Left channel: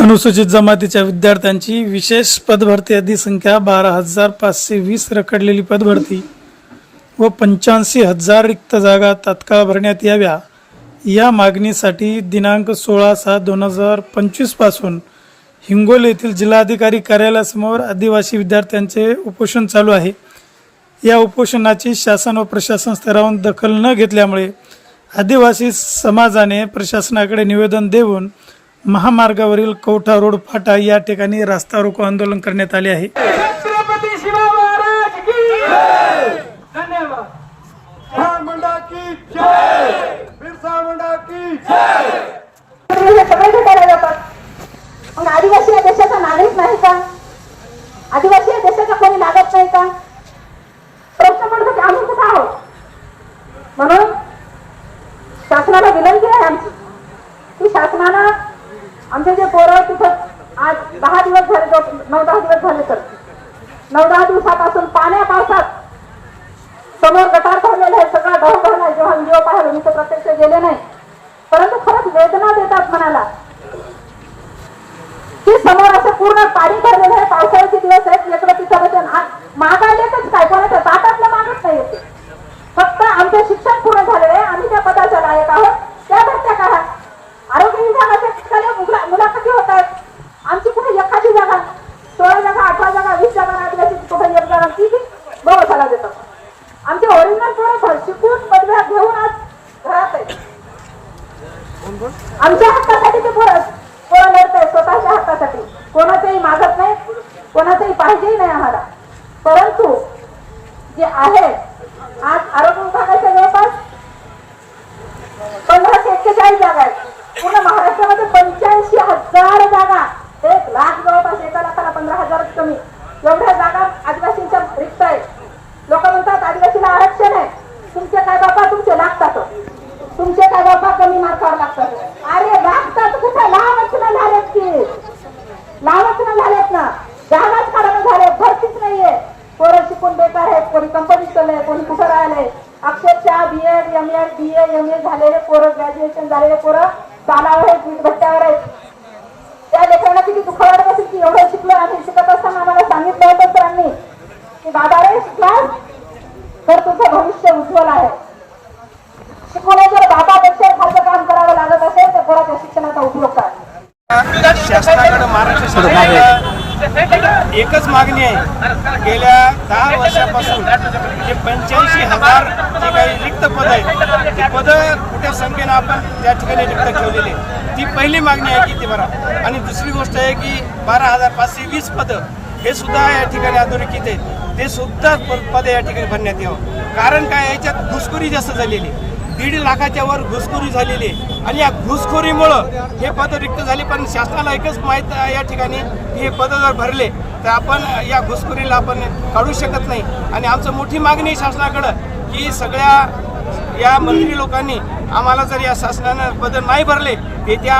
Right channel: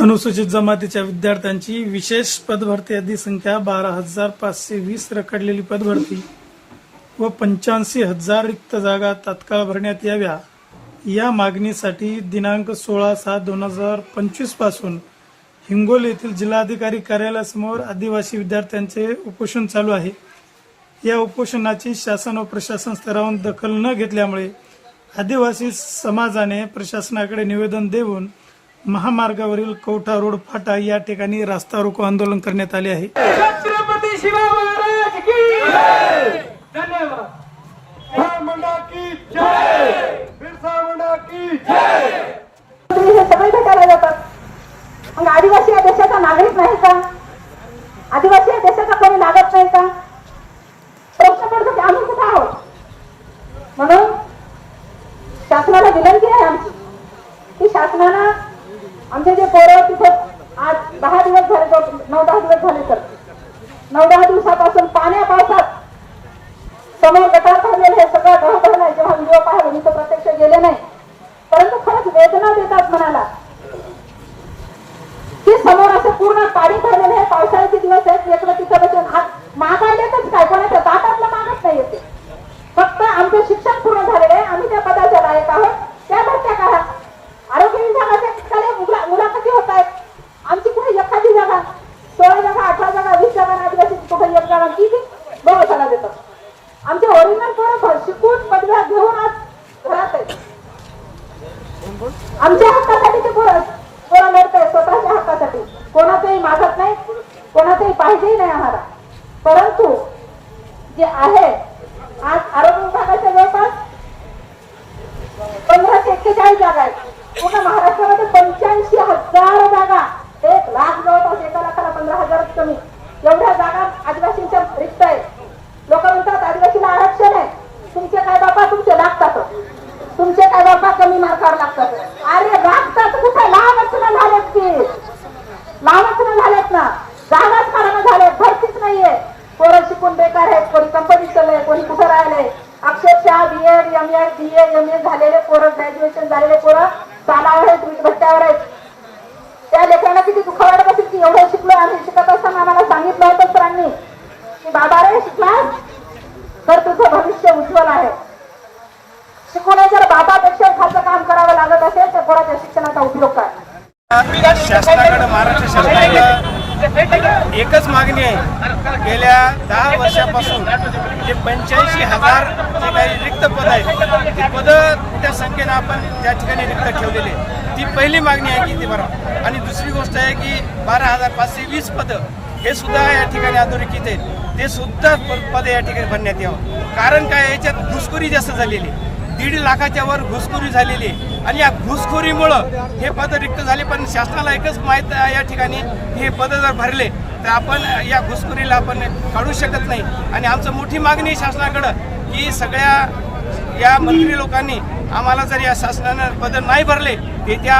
अनुसूचित जमातीच्या विद्यार्थ्यांची विशेष पदभरती यादी संख्या बारा हजार पाचशे वीस रखडलेली पदभरती व पंच्याऐंशी हजार रिक्त जागा तात्काळ भरण्यात याव्या. या मागणीसाठी दिनांक सोळा सात दोन हजार पंचवीसपासून हिंगोली येथील जिल्हाधिकारी कार्यालयासमोर आदिवासी विद्यार्थ्यांचे उपोषण चालू आहे. या उपोषणाची शासन व प्रशासन स्तरावरून दखल न घेतल्यामुळे आदिवासी समाजाने प्रशासनाकडे निवेदन देऊन महामार्गावरील कवठा रोड फाटा या ठिकाणी रास्ता रोको आंदोलन करण्यात आले आहे. छत्रपती शिवाजी महाराज की धन्यवाद. बिरसा मुंडा की जय! बिरसा मुंडा की जय! तुम्ही सगळे भेटायला जातात मग आदिवासी या देशाचा नागरिक नाही का? आदिवासी या देशाचा कोणी लागत नाही का? प्रश्न पडतो की आम्ही कुठं आहोत? आमचे जे पोरं तिथं आज दहा दिवस झाले जो नऊ दहा दिवस झाले तर. नऊ दहा दिवसापासून पाण्या पावसात समोर गटार भरलेलं आहे सगळं ढव आहे जेव्हा व्हिडिओ पाहिलं मी तर प्रत्यक्ष गेले नाही. परंतु खरंच वेदना देतात मनाला. की समोर असं पूर्ण पाणी भरलेलं आहे पावसाळ्याचे दिवस आहेत इकडे तिथं आज मागायलेच काय? कोणाच्या ताटातलं मागत नाही येते फक्त आमचं शिक्षण पूर्ण झालेलं आहे आम्ही त्या पदाच्या लायक आहोत त्या भरत्या करा आरोग्य विभागाच्या ठिकाणी मुला- मुलाखती होत आहेत आमची कुठे एखादी जागा? सोळा जागा अठरा जागा वीस जागा आदिवासी कुठे एक जागा ती बी बघायला देतात. आमचे ओरिजिनल पोरं शिकून पदव्या घेऊन आज घरात आहे आमच्या हक्कासाठी ते पोरं पोरं लढतंय स्वतःच्या हक्कासाठी. कोणाचंही मागत नाही कोणाचंही पाहिजेही नाही आम्हाला. परंतु जे आहे आज आरोग्य विभागाच्या जवळपास पंधराशे एक्केचाळीस जागा आहेत. पूर्ण महाराष्ट्रामध्ये पंचाळीस हजार जागा एक लाख जवळपास एका लाखाला पंधरा हजार कमी एवढ्या जागा आदिवासींच्या रिक्त आहेत लोक म्हणतात आदिवासीला आरक्षण आहे तुमचे काय बाबा तुमचे लागतात तुमचे काय बाबा कमी मार्कावर लागतात? अरे लागतात कुठं? लहानच ना झालेत की. लहानच ना झालेत ना. जागाच काढणं झाले भरतीच नाहीये. पोरं शिकून बेकार आहेत. कोणी कंपनी चाललंय कोणी कुठं राहिले अक्षरशः B Ed M Ed B A M A झालेले पोरं ग्रॅज्युएशन झालेले पोरं चालावर आहेत वीट भट्ट्यावर आहेत. त्या लेकरांना किती दुःख वाटत असेल की एवढं शिकलो आम्ही शिकत असताना आम्हाला सांगितलं होतं सरांनी की बाबा रे शिकलास? तर तुझं भविष्य उज्ज्वल आहे. शिकवणे जर बाबापेक्षा एखादं काम करावं लागत असेल तर पोराच्या शिक्षणाचा उपयोग काय? शासनाकडे महाराष्ट्र शासनाकडे एकच मागणी आहे. गेल्या दहा वर्षापासून जे पंच्याऐंशी हजार जे काही रिक्त पद आहेत ती पदं मोठ्या संख्येनं आपण त्या ठिकाणी रिक्त ठेवलेली ती पहिली मागणी आहे की ती भरा. आणि दुसरी गोष्ट आहे की बारा हजार पाचशे वीस पदं हे सुद्धा या ठिकाणी अधोरेखित आहेत. ते सुद्धा पद या ठिकाणी भरण्यात यावं. कारण काय? याच्यात घुसखोरी जास्त झालेली आहे. दीड लाखाच्या वर घुसखोरी झालेली आहे. आणि या घुसखोरीमुळं हे पद रिक्त झाले पण शासनाला एकच माहीत या ठिकाणी हे पद जर भरले तर आपण या घुसखोरीला आपण काढू शकत नाही. आणि आमचं मोठी मागणी शासनाकडं की सगळ्या या मंत्री लोकांनी आम्हाला जर या शासनानं पद नाही भरले येत्या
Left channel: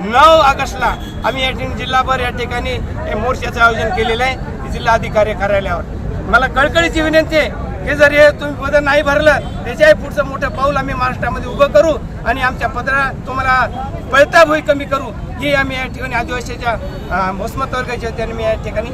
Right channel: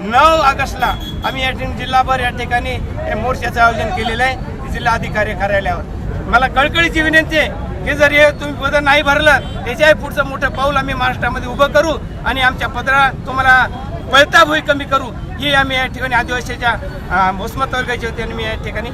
नऊ ऑगस्टला आम्ही या ठिकाणी जिल्हाभर या ठिकाणी मोर्चाचं आयोजन केलेलं आहे जिल्हाधिकारी कार्यालयावर. मला कळकळीची विनंती आहे की जर हे तुम्ही पद नाही भरलं त्याच्याही पुढचं मोठं पाऊल आम्ही महाराष्ट्रामध्ये उभं करू आणि आमच्या पदरा तुम्हाला पळता भुई कमी करू. ही आम्ही या ठिकाणी आदिवासीच्या मोसमत वर्गाच्या होती आणि मी या ठिकाणी